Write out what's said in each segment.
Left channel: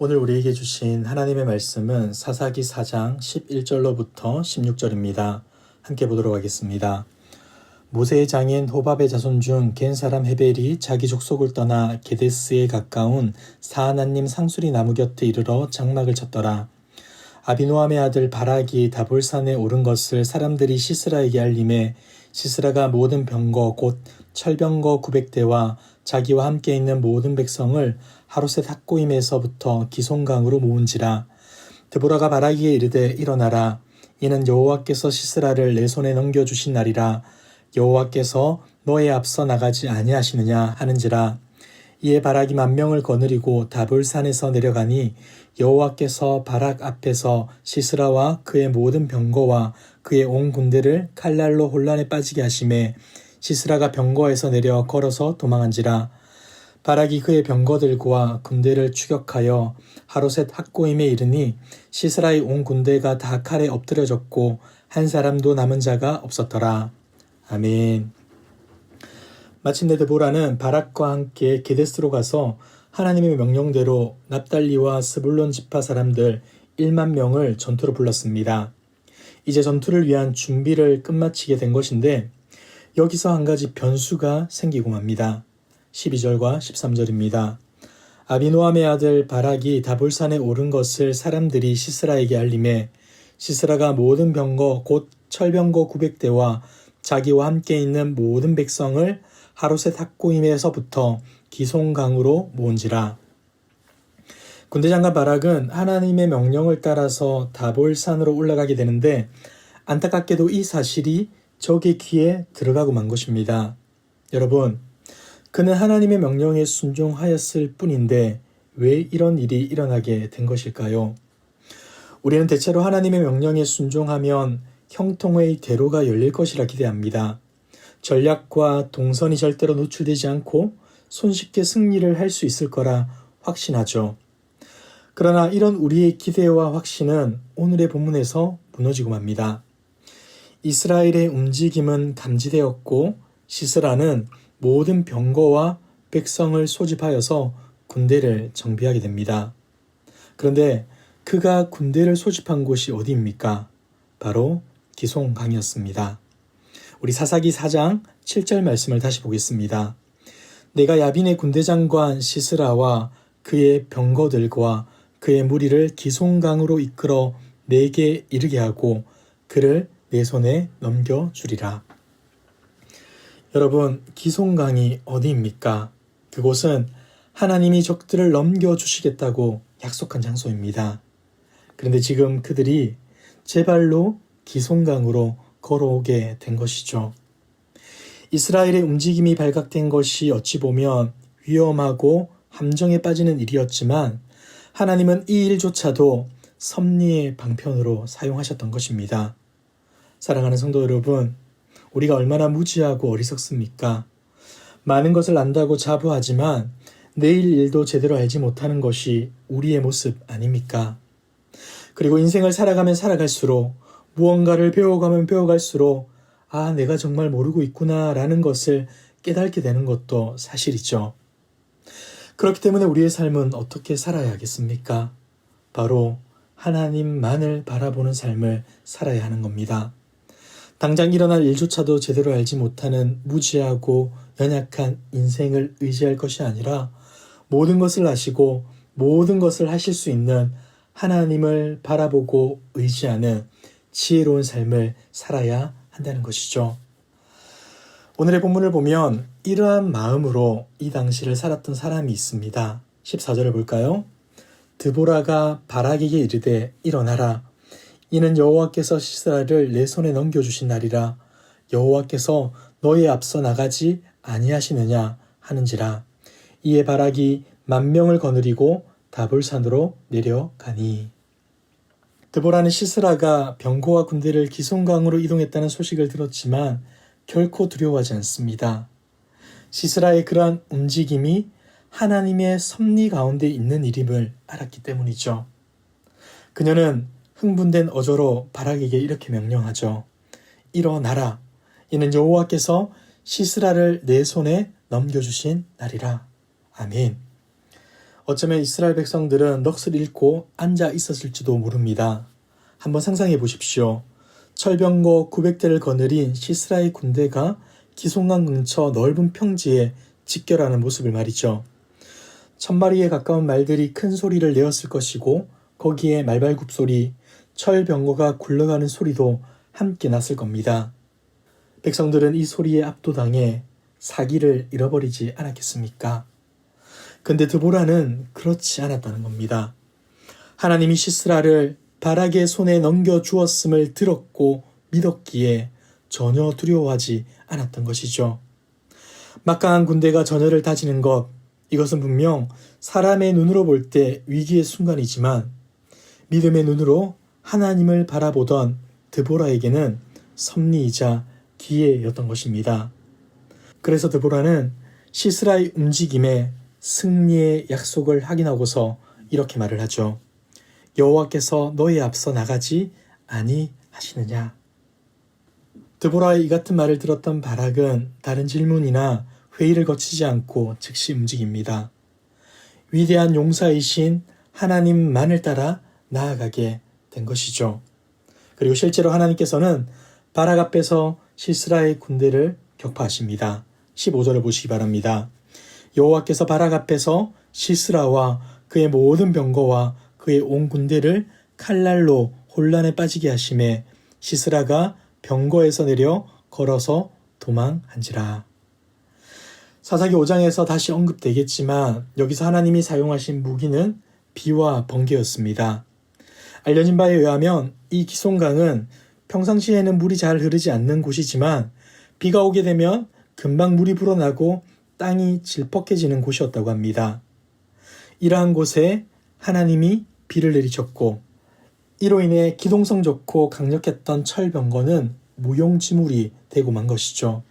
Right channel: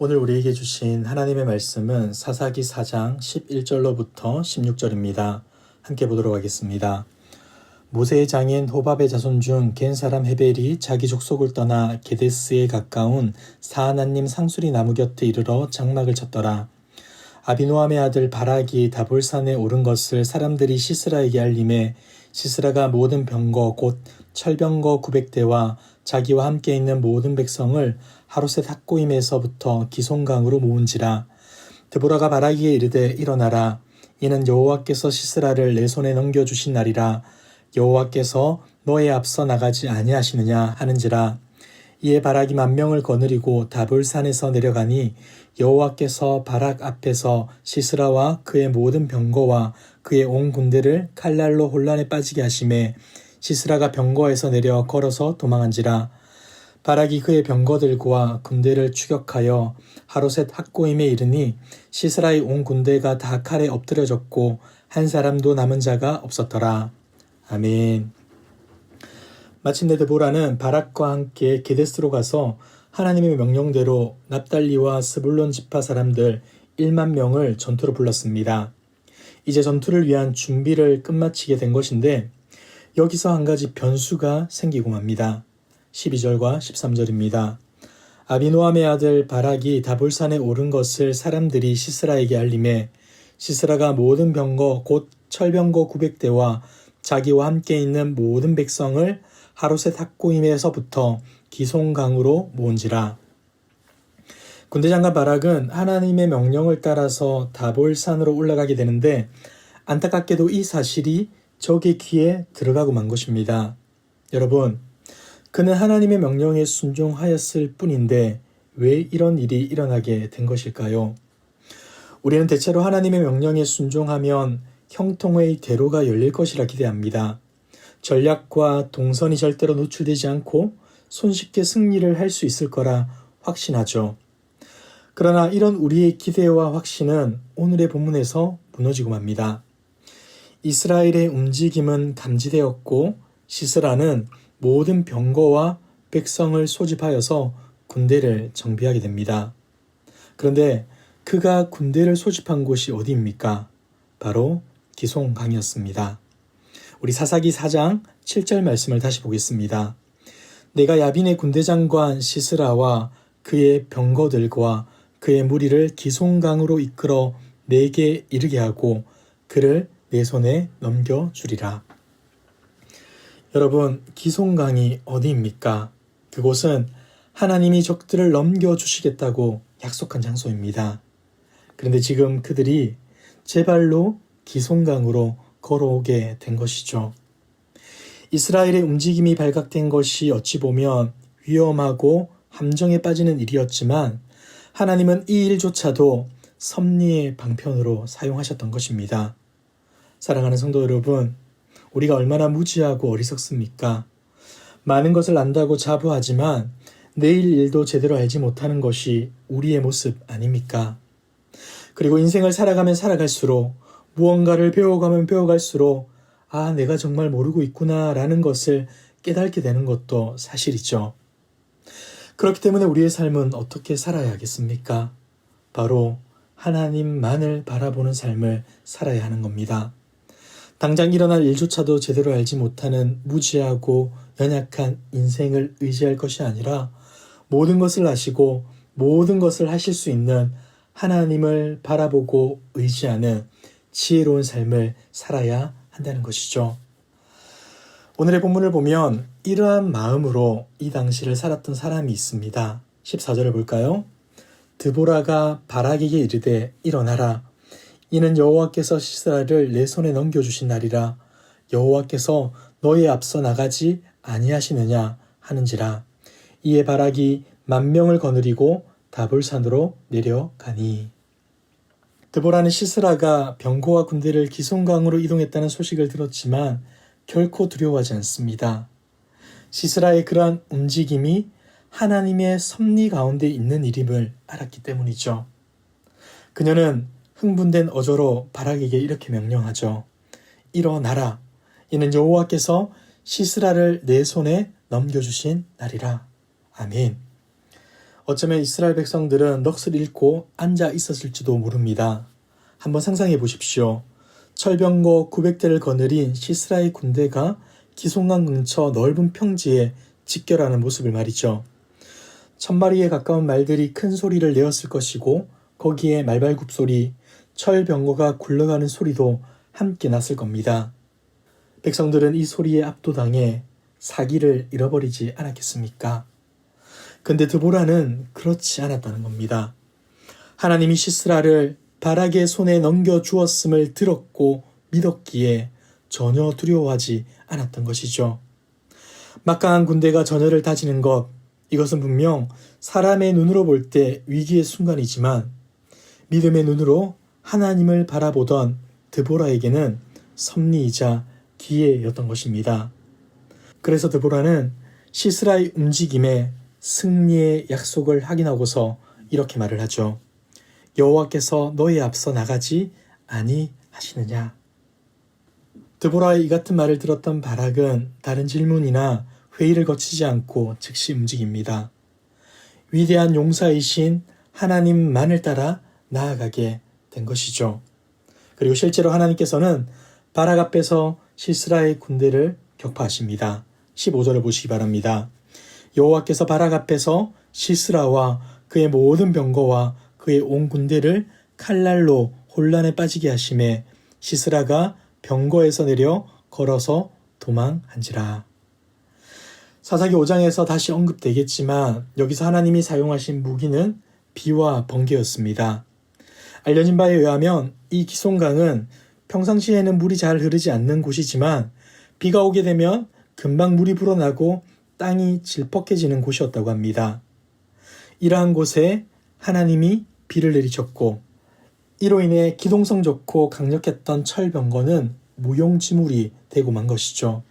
오늘 우리에게 주신 하나님의 말씀은 사사기 4장 11절로부터 16절입니다. 함께 보도록 하겠습니다. 모세의 장인 호밥의 자손 중 겐 사람 헤벨이 자기 족속을 떠나 게데스에 가까운 사하나님 상수리 나무 곁에 이르러 장막을 쳤더라. 아비노함의 아들 바락이 다볼산에 오른 것을 사람들이 시스라에게 알림해 시스라가 모든 병거 곧 철병거 900대와 자기와 함께 있는 모든 백성을 하롯셋 학고임에서부터 기송강으로 모은지라. 드보라가 바락에게 이르되 일어나라. 이는 여호와께서 시스라를 내 손에 넘겨주신 날이라. 여호와께서 너의 앞서 나가지 아니하시느냐 하는지라. 이에 바락이 10,000명을 거느리고 다볼산에서 내려가니 여호와께서 바락 앞에서 시스라와 그의 모든 병거와 그의 온 군대를 칼날로 혼란에 빠지게 하심에 시스라가 병거에서 내려 걸어서 도망한지라. 바락이 그의 병거들과 군대를 추격하여 하롯셋 학고임에 이르니 시스라의 온 군대가 다 칼에 엎드려졌고 한 사람도 남은 자가 없었더라. 아멘. 마침내 드보라는 바락과 함께 게데스로 가서 하나님의 명령대로 납달리와 스불론 지파 사람들 10,000명을 전투로 불렀습니다. 이제 전투를 위한 준비를 끝마치게 된 것인데 여기서 한 가지 변수가 생기고 맙니다. 12절과 13절입니다. 아비노함의 아들 바락이 다볼산에 오른 것을 사람들이 시스라에게 알림해 시스라가 모든 병거 곧 철병거 900대와 자기와 함께 있는 모든 백성을 하롯셋 학고임에서부터 기송강으로 모은지라. 군대장관 바락은 하나님의 명령을 따라서 다볼산으로 올라가게 되는데 안타깝게도 이 사실이 적의 귀에 들어가고 만 것입니다. 여러분, 그는 하나님의 명령에 순종하였을 뿐인데 왜 이런 일이 일어나게 된 것일까요? 우리는 대체로 하나님의 명령에 순종하면 형통의 대로가 열릴 것이라 기대합니다. 전략과 동선이 절대로 노출되지 않고 손쉽게 승리를 할 수 있을 거라 확신하죠. 그러나 이런 우리의 기대와 확신은 오늘의 본문에서 무너지고 맙니다. 이스라엘의 움직임은 감지되었고 시스라는 모든 병거와 백성을 소집하여서 군대를 정비하게 됩니다. 그런데 그가 군대를 소집한 곳이 어디입니까? 바로 기송강이었습니다. 우리 사사기 4장 7절 말씀을 다시 보겠습니다. 내가 야빈의 군대장관 시스라와 그의 병거들과 그의 무리를 기송강으로 이끌어 내게 이르게 하고 그를 내 손에 넘겨주리라. 여러분, 기송강이 어디입니까? 그곳은 하나님이 적들을 넘겨주시겠다고 약속한 장소입니다. 그런데 지금 그들이 제 발로 기송강으로 걸어오게 된 것이죠. 이스라엘의 움직임이 발각된 것이 어찌 보면 위험하고 함정에 빠지는 일이었지만 하나님은 이 일조차도 섭리의 방편으로 사용하셨던 것입니다. 사랑하는 성도 여러분, 우리가 얼마나 무지하고 어리석습니까? 많은 것을 안다고 자부하지만 내일 일도 제대로 알지 못하는 것이 우리의 모습 아닙니까? 그리고 인생을 살아가면 살아갈수록 무언가를 배워가면 배워갈수록 내가 정말 모르고 있구나 라는 것을 깨닫게 되는 것도 사실이죠. 그렇기 때문에 우리의 삶은 어떻게 살아야 하겠습니까? 바로 하나님만을 바라보는 삶을 살아야 하는 겁니다. 당장 일어날 일조차도 제대로 알지 못하는 무지하고 연약한 인생을 의지할 것이 아니라 모든 것을 아시고 모든 것을 하실 수 있는 하나님을 바라보고 의지하는 지혜로운 삶을 살아야 한다는 것이죠. 오늘의 본문을 보면 이러한 마음으로 이 당시를 살았던 사람이 있습니다. 14절을 볼까요? 드보라가 바락에게 이르되 일어나라. 이는 여호와께서 시스라를 내 손에 넘겨주신 날이라. 여호와께서 너의 앞서 나가지 아니하시느냐 하는지라. 이에 바락이 10,000명을 거느리고 다볼산으로 내려가니. 드보라는 시스라가 병거와 군대를 기송강으로 이동했다는 소식을 들었지만 결코 두려워하지 않습니다. 시스라의 그러한 움직임이 하나님의 섭리 가운데 있는 일임을 알았기 때문이죠. 그녀는 흥분된 어조로 바락에게 이렇게 명령하죠. 일어나라. 이는 여호와께서 시스라를 내 손에 넘겨주신 날이라. 아멘. 어쩌면 이스라엘 백성들은 넋을 잃고 앉아 있었을지도 모릅니다. 한번 상상해 보십시오. 철병거 900대를 거느린 시스라의 군대가 기송강 근처 넓은 평지에 집결하는 모습을 말이죠. 1000마리에 가까운 말들이 큰 소리를 내었을 것이고 거기에 말발굽 소리, 철병거가 굴러가는 소리도 함께 났을 겁니다. 백성들은 이 소리에 압도당해 사기를 잃어버리지 않았겠습니까? 근데 드보라는 그렇지 않았다는 겁니다. 하나님이 시스라를 바락의 손에 넘겨주었음을 들었고 믿었기에 전혀 두려워하지 않았던 것이죠. 막강한 군대가 전열을 다지는 것, 이것은 분명 사람의 눈으로 볼 때 위기의 순간이지만 믿음의 눈으로 하나님을 바라보던 드보라에게는 섭리이자 기회였던 것입니다. 그래서 드보라는 시스라의 움직임에 승리의 약속을 확인하고서 이렇게 말을 하죠. 여호와께서 너희 앞서 나가지 아니하시느냐. 드보라의 이 같은 말을 들었던 바락은 다른 질문이나 회의를 거치지 않고 즉시 움직입니다. 위대한 용사이신 하나님만을 따라 나아가게 된 것이죠. 그리고 실제로 하나님께서는 바락 앞에서 시스라의 군대를 격파하십니다. 15절을 보시기 바랍니다. 여호와께서 바락 앞에서 시스라와 그의 모든 병거와 그의 온 군대를 칼날로 혼란에 빠지게 하심에 시스라가 병거에서 내려 걸어서 도망한지라. 사사기 5장에서 다시 언급되겠지만 여기서 하나님이 사용하신 무기는 비와 번개였습니다. 알려진 바에 의하면 이 기송강은 평상시에는 물이 잘 흐르지 않는 곳이지만 비가 오게 되면 금방 물이 불어나고 땅이 질퍽해지는 곳이었다고 합니다. 이러한 곳에 하나님이 비를 내리셨고 이로 인해 기동성 좋고 강력했던 철병거는 무용지물이 되고 만 것이죠.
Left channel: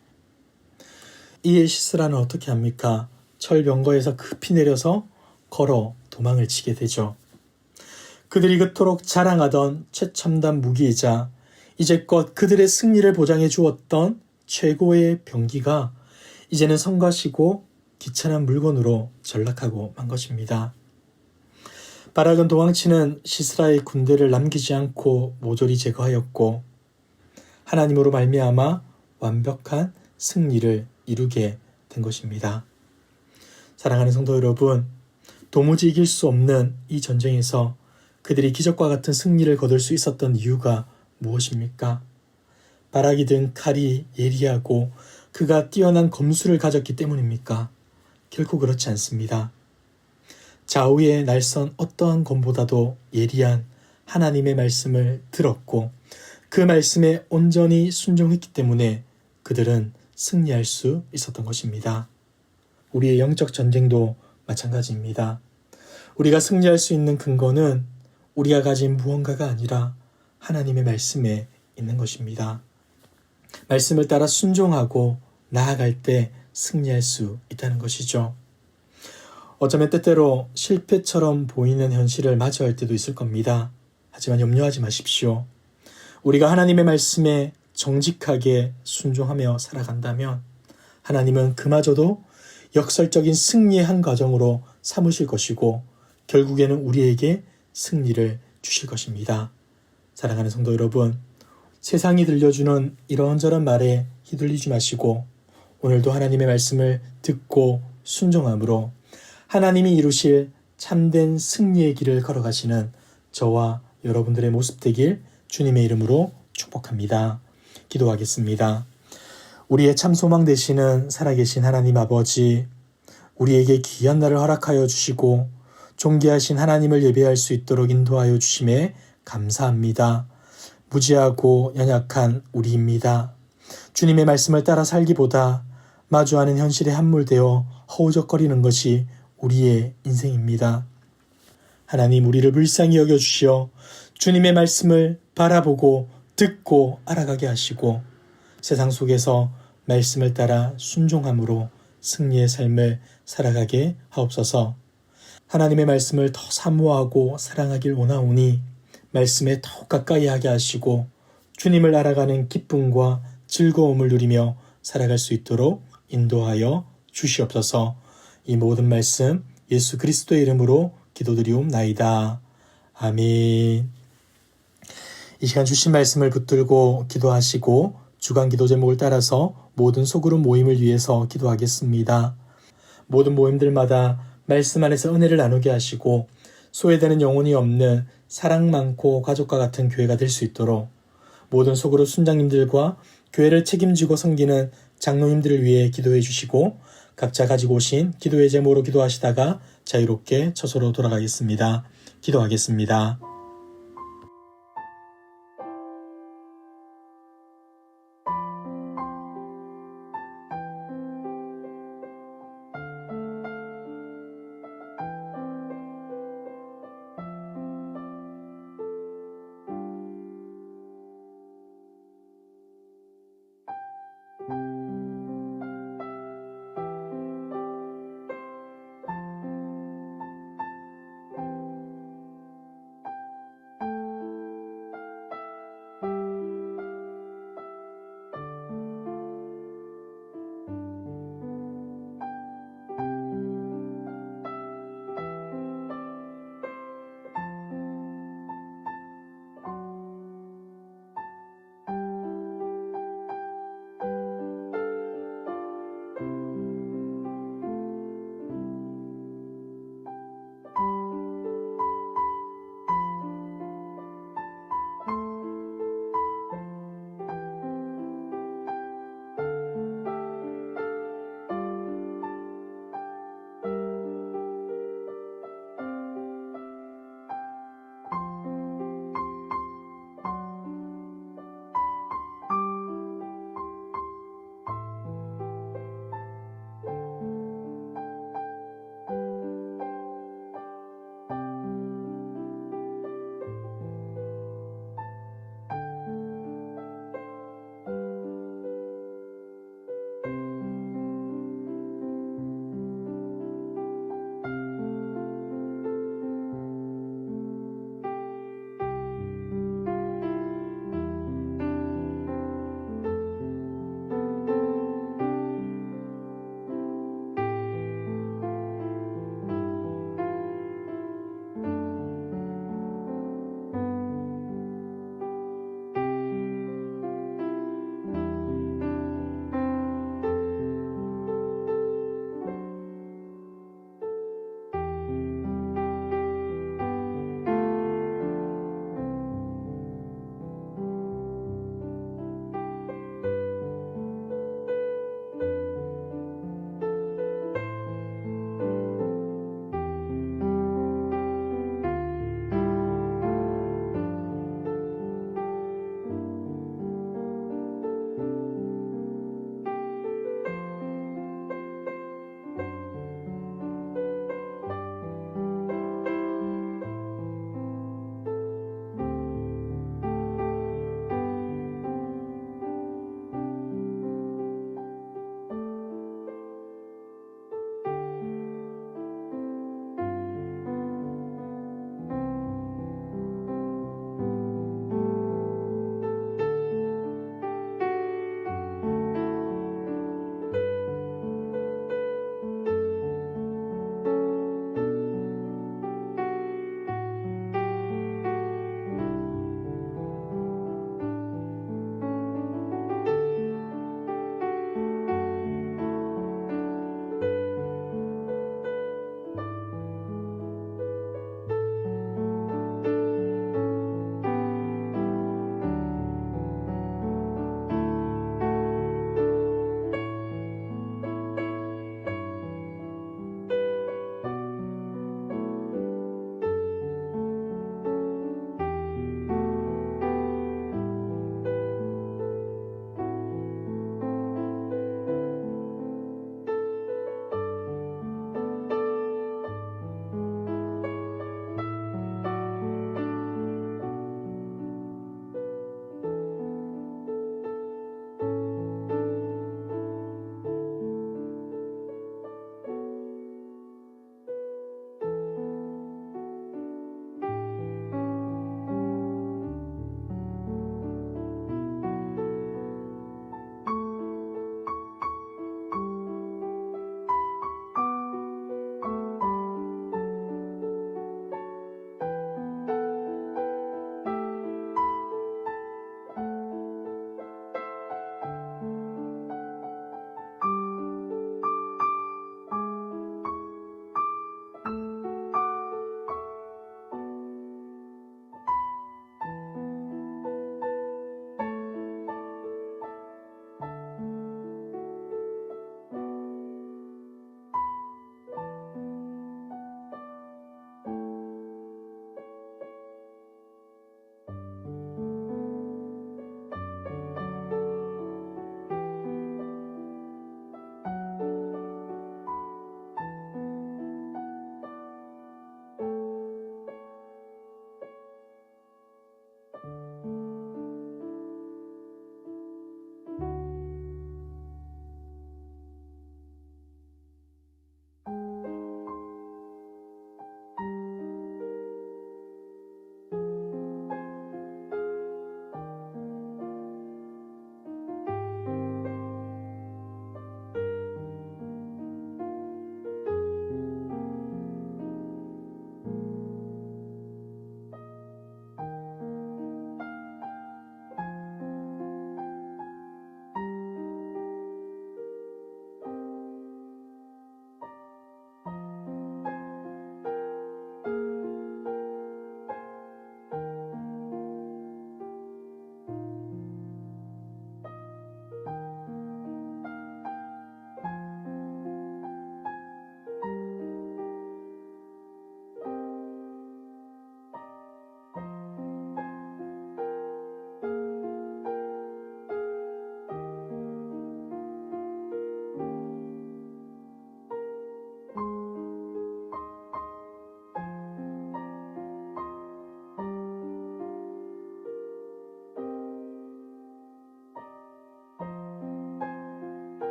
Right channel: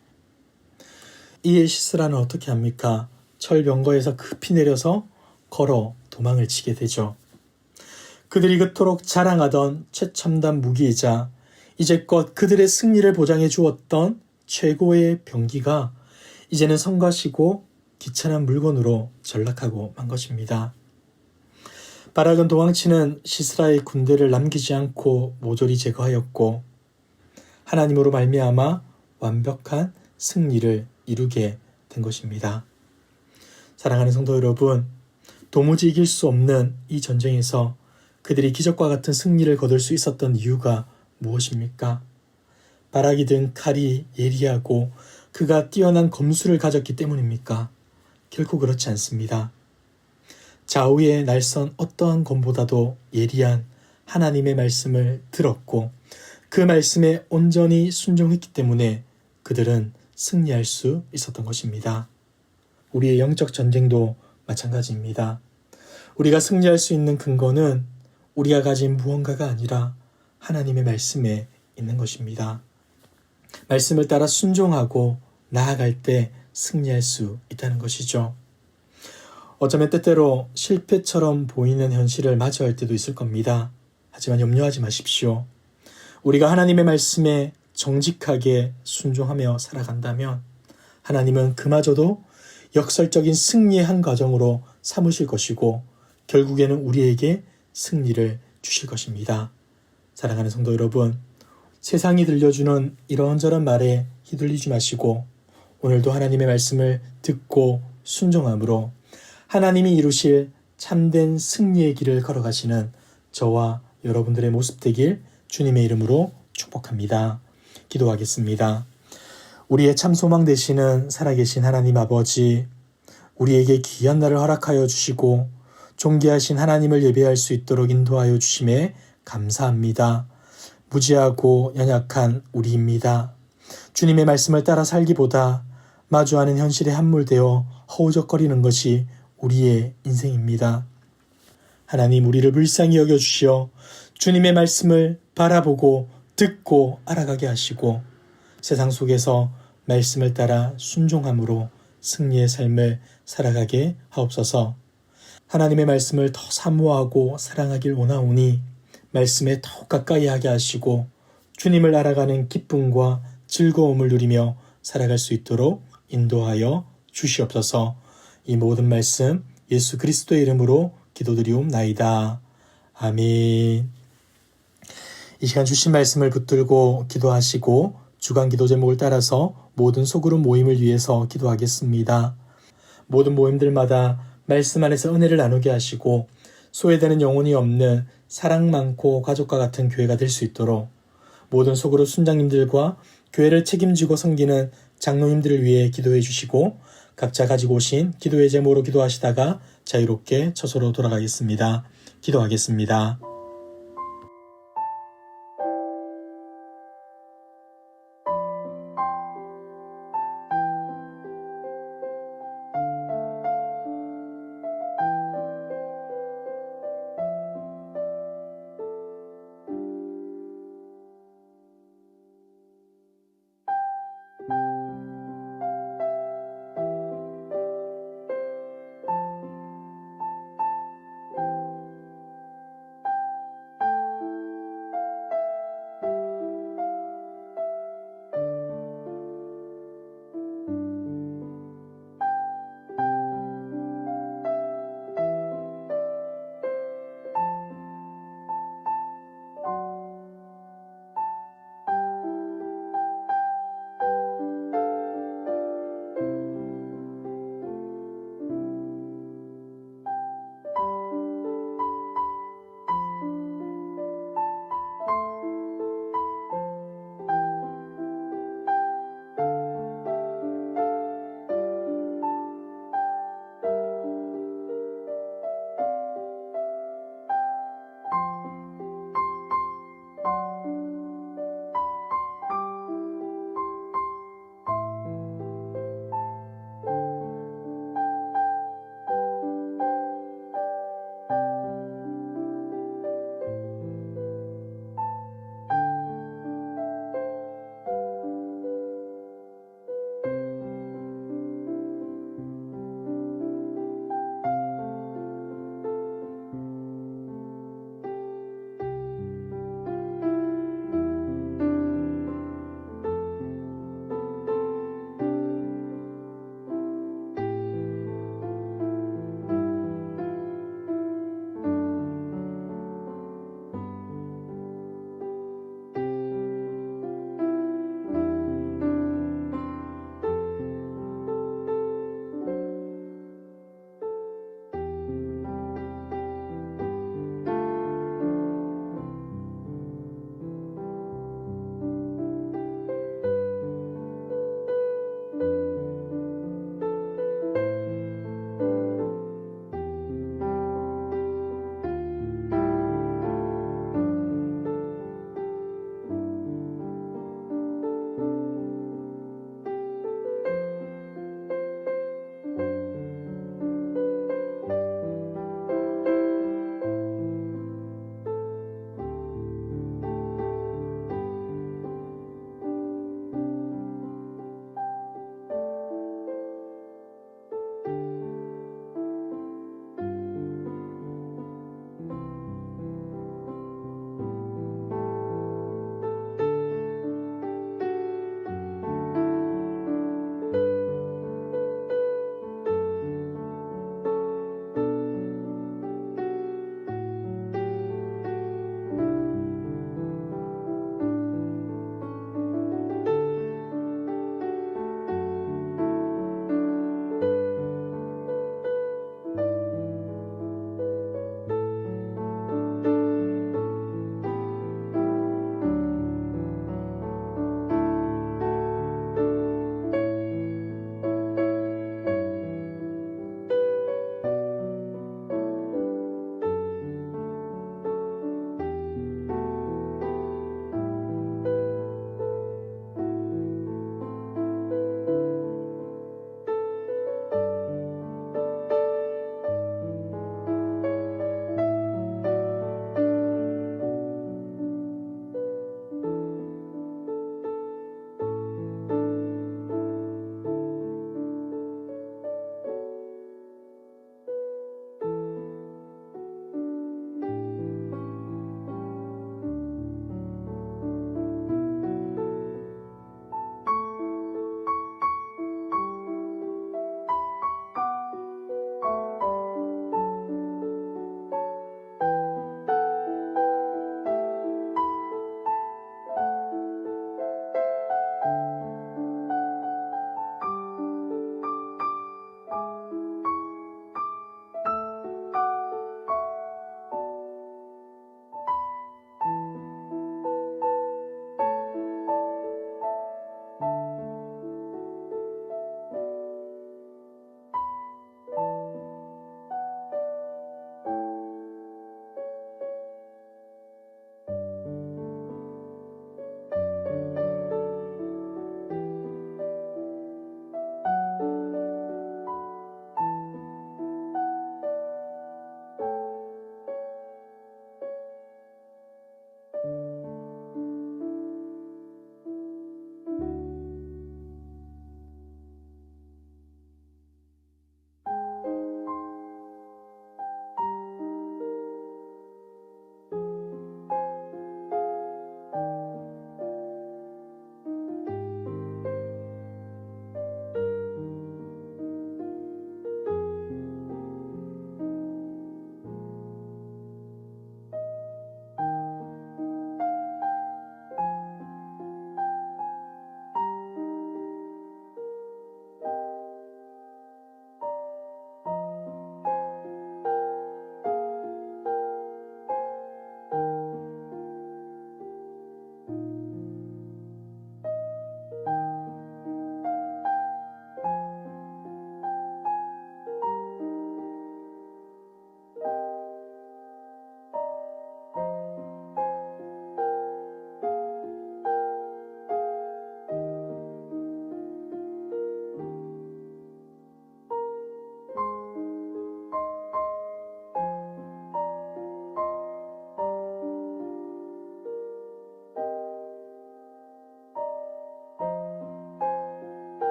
이에 시스라는 어떻게 합니까? 철병거에서 급히 내려서 걸어 도망을 치게 되죠. 그들이 그토록 자랑하던 최첨단 무기이자 이제껏 그들의 승리를 보장해 주었던 최고의 병기가 이제는 성가시고 귀찮은 물건으로 전락하고 만 것입니다. 바락은 도망치는 시스라의 군대를 남기지 않고 모조리 제거하였고 하나님으로 말미암아 완벽한 승리를 이루게 된 것입니다. 사랑하는 성도 여러분, 도무지 이길 수 없는 이 전쟁에서 그들이 기적과 같은 승리를 거둘 수 있었던 이유가 무엇입니까? 바락이 든 칼이 예리하고 그가 뛰어난 검술을 가졌기 때문입니까? 결코 그렇지 않습니다. 좌우의 날선 어떠한 검보다도 예리한 하나님의 말씀을 들었고 그 말씀에 온전히 순종했기 때문에 그들은 승리할 수 있었던 것입니다. 우리의 영적 전쟁도 마찬가지입니다. 우리가 승리할 수 있는 근거는 우리가 가진 무언가가 아니라 하나님의 말씀에 있는 것입니다. 말씀을 따라 순종하고 나아갈 때 승리할 수 있다는 것이죠. 어쩌면 때때로 실패처럼 보이는 현실을 마주할 때도 있을 겁니다. 하지만 염려하지 마십시오. 우리가 하나님의 말씀에 정직하게 순종하며 살아간다면 하나님은 그마저도 역설적인 승리의 한 과정으로 삼으실 것이고 결국에는 우리에게 승리를 주실 것입니다. 사랑하는 성도 여러분, 세상이 들려주는 이런저런 말에 휘둘리지 마시고 오늘도 하나님의 말씀을 듣고 순종함으로 하나님이 이루실 참된 승리의 길을 걸어가시는 저와 여러분들의 모습 되길 주님의 이름으로 축복합니다. 기도하겠습니다. 우리의 참 소망 되시는 살아계신 하나님 아버지, 우리에게 귀한 날을 허락하여 주시고 존귀하신 하나님을 예배할 수 있도록 인도하여 주심에 감사합니다. 무지하고 연약한 우리입니다. 주님의 말씀을 따라 살기보다 마주하는 현실에 함몰되어 허우적거리는 것이 우리의 인생입니다. 하나님, 우리를 불쌍히 여겨주시어 주님의 말씀을 바라보고 듣고 알아가게 하시고 세상 속에서 말씀을 따라 순종함으로 승리의 삶을 살아가게 하옵소서. 하나님의 말씀을 더 사모하고 사랑하길 원하오니 말씀에 더욱 가까이 하게 하시고 주님을 알아가는 기쁨과 즐거움을 누리며 살아갈 수 있도록 인도하여 주시옵소서. 이 모든 말씀 예수 그리스도의 이름으로 기도드리옵나이다. 아멘. 이 시간 주신 말씀을 붙들고 기도하시고 주간 기도 제목을 따라서 모든 소그룹 모임을 위해서 기도하겠습니다. 모든 모임들마다 말씀 안에서 은혜를 나누게 하시고 소외되는 영혼이 없는 사랑 많고 가족과 같은 교회가 될 수 있도록 모든 소그룹 순장님들과 교회를 책임지고 섬기는 장로님들을 위해 기도해 주시고 각자 가지고 오신 기도의 제목으로 기도하시다가 자유롭게 처소로 돌아가겠습니다. 기도하겠습니다.